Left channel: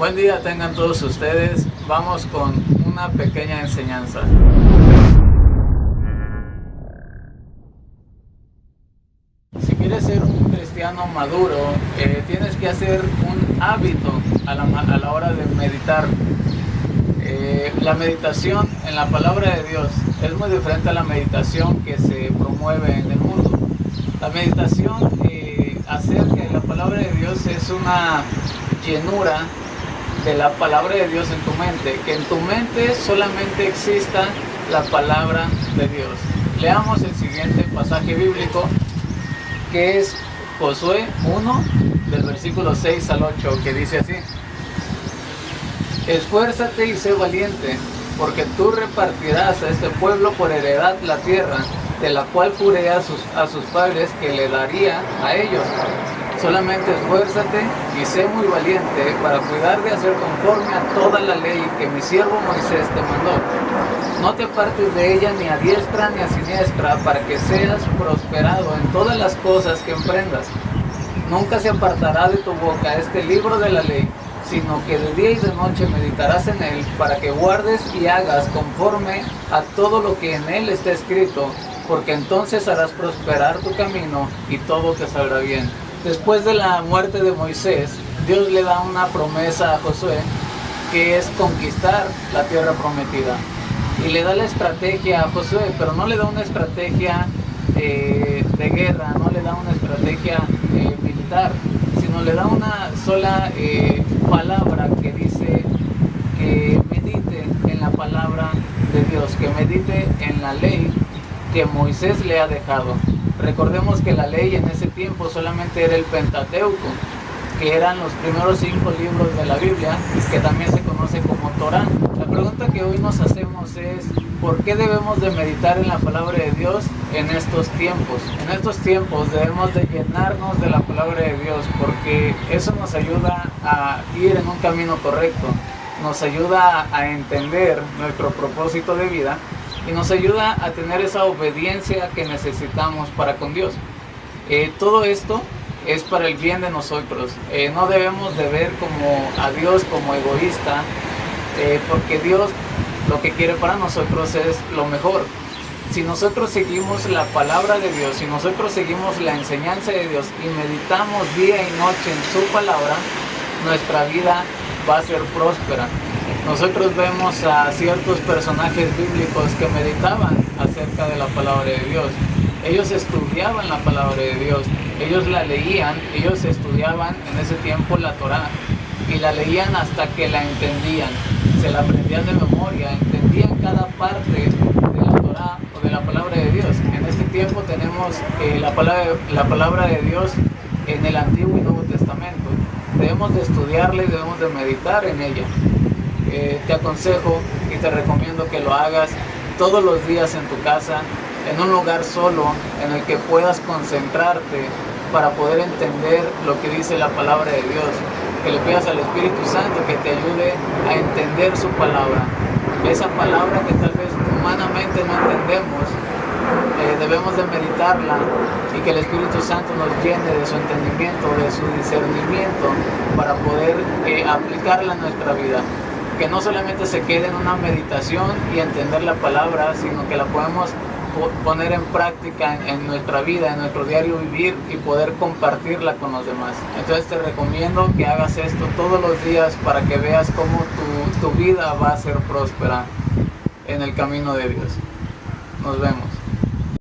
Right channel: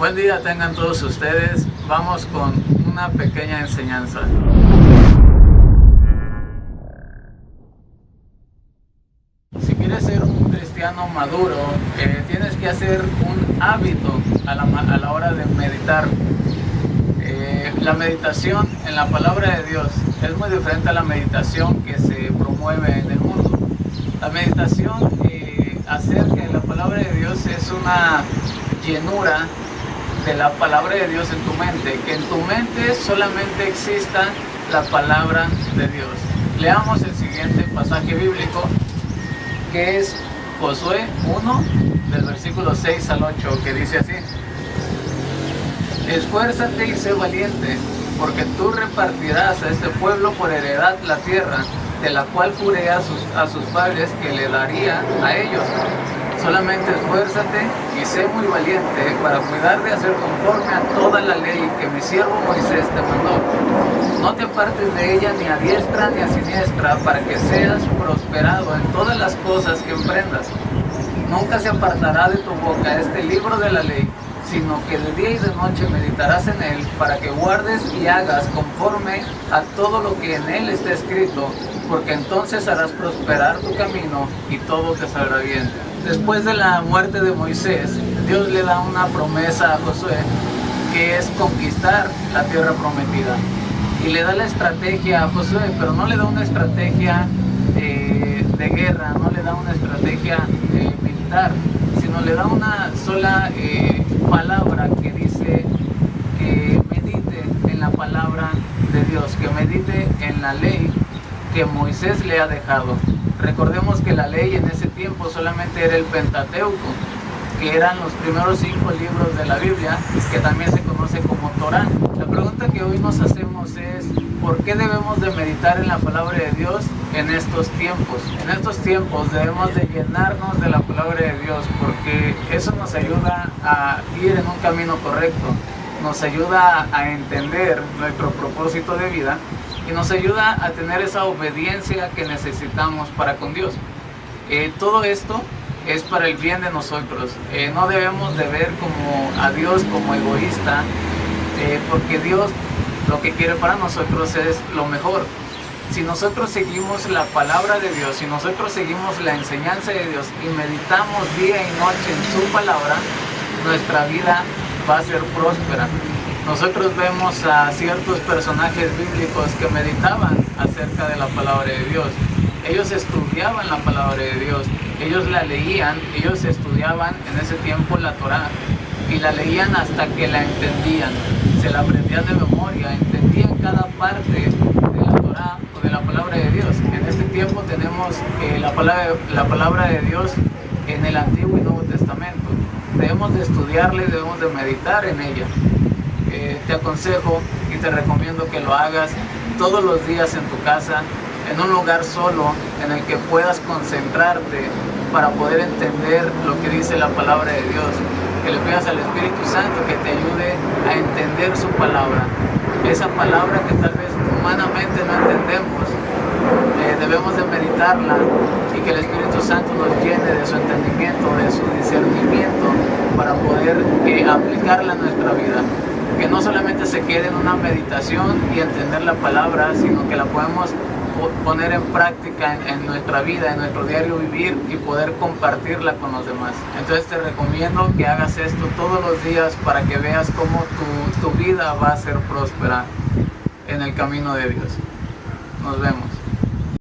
Buen día tengan todos ustedes. Vamos con una pequeña enseñanza. Si quieres ser un cristiano maduro, tienes que hacer un hábito a la hora de meditar. La meditación en la palabra de Dios es muy diferente a la meditación que se promueve en el mundo. La meditación acerca de la palabra de Dios es una llenura de la palabra de Dios en tu mente, que en tu mente solamente exista la palabra de Dios. Leamos el siguiente pasaje bíblico, que es Josué 1, del versículo 6 al 8, que dice así: Esfuérzate y sé valiente, porque tú repartirás a este pueblo por heredad la tierra, de la cual juré a sus padres que le daría a ellos. Solamente esfuérzate y sé muy valiente para cuidar de hacer conforme a toda la ley que mi siervo Moisés te mandó. No te apartes de ella ni a diestra ni a siniestra, para que seas prosperado en todas las cosas que emprendas. Nunca se apartará de tu boca este libro de la ley, sino que de día y de noche meditarás en él, para que guardes y hagas conforme a todo lo que en él está escrito, porque entonces harás prosperar tu camino y todo te saldrá bien. Después de la muerte de Moisés, Dios le da una promesa a Josué, que es conquistar la tierra prometida. Y le da la estrategia a Josué, pero no le da una estrategia de guerra, no le da una estrategia militar, sino le da una sola palabra que dice que medite en la palabra de Dios, que medite en la ley que Moisés le ha dejado. Recordemos que la ley en ese tiempo solamente era el Pentateuco, que eran los primeros 5 libros de la Biblia, que también se conoce como Torá. La pregunta que hoy nos hacemos es: ¿por qué debemos de meditar en la palabra de Dios en estos tiempos? En estos tiempos debemos de llenarnos de la palabra de Dios, porque eso nos ayuda a ir en un camino correcto, nos ayuda a entender nuestro propósito de vida y nos ayuda a tener esa obediencia que necesitamos para con Dios. Todo esto es para el bien de nosotros. No debemos de ver a Dios como egoísta, porque Dios lo que quiere para nosotros es lo mejor. Si nosotros seguimos la palabra de Dios, si nosotros seguimos la enseñanza de Dios y meditamos día y noche en su palabra, nuestra vida va a ser próspera. Nosotros vemos a ciertos personajes bíblicos que meditaban acerca de la palabra de Dios. Ellos estudiaban la palabra de Dios, ellos la leían, ellos estudiaban en ese tiempo la Torá y la leían hasta que la entendían, se la aprendían de memoria, entendían cada parte de la Torá o de la palabra de Dios. En este tiempo tenemos la palabra de Dios en el Antiguo y Nuevo Testamento. Debemos de estudiarla y debemos de meditar en ella. Te aconsejo y te recomiendo que lo hagas todos los días en tu casa, en un lugar solo, en el que puedas concentrarte para poder entender lo que dice la palabra de Dios. Que le pidas al Espíritu Santo que te ayude a entender su palabra. Esa palabra que tal vez humanamente no entendemos, debemos de meditarla y que el Espíritu Santo nos llene de su entendimiento, de su discernimiento, para poder aplicarla en nuestra vida. Que no solamente se quede en una meditación y entender la palabra, sino que la podemos poner en práctica en nuestra vida, en nuestro diario vivir, y poder compartirla con los demás. Entonces te recomiendo que hagas esto todos los días para que veas cómo tu vida va a ser próspera en el camino de Dios. Nos vemos.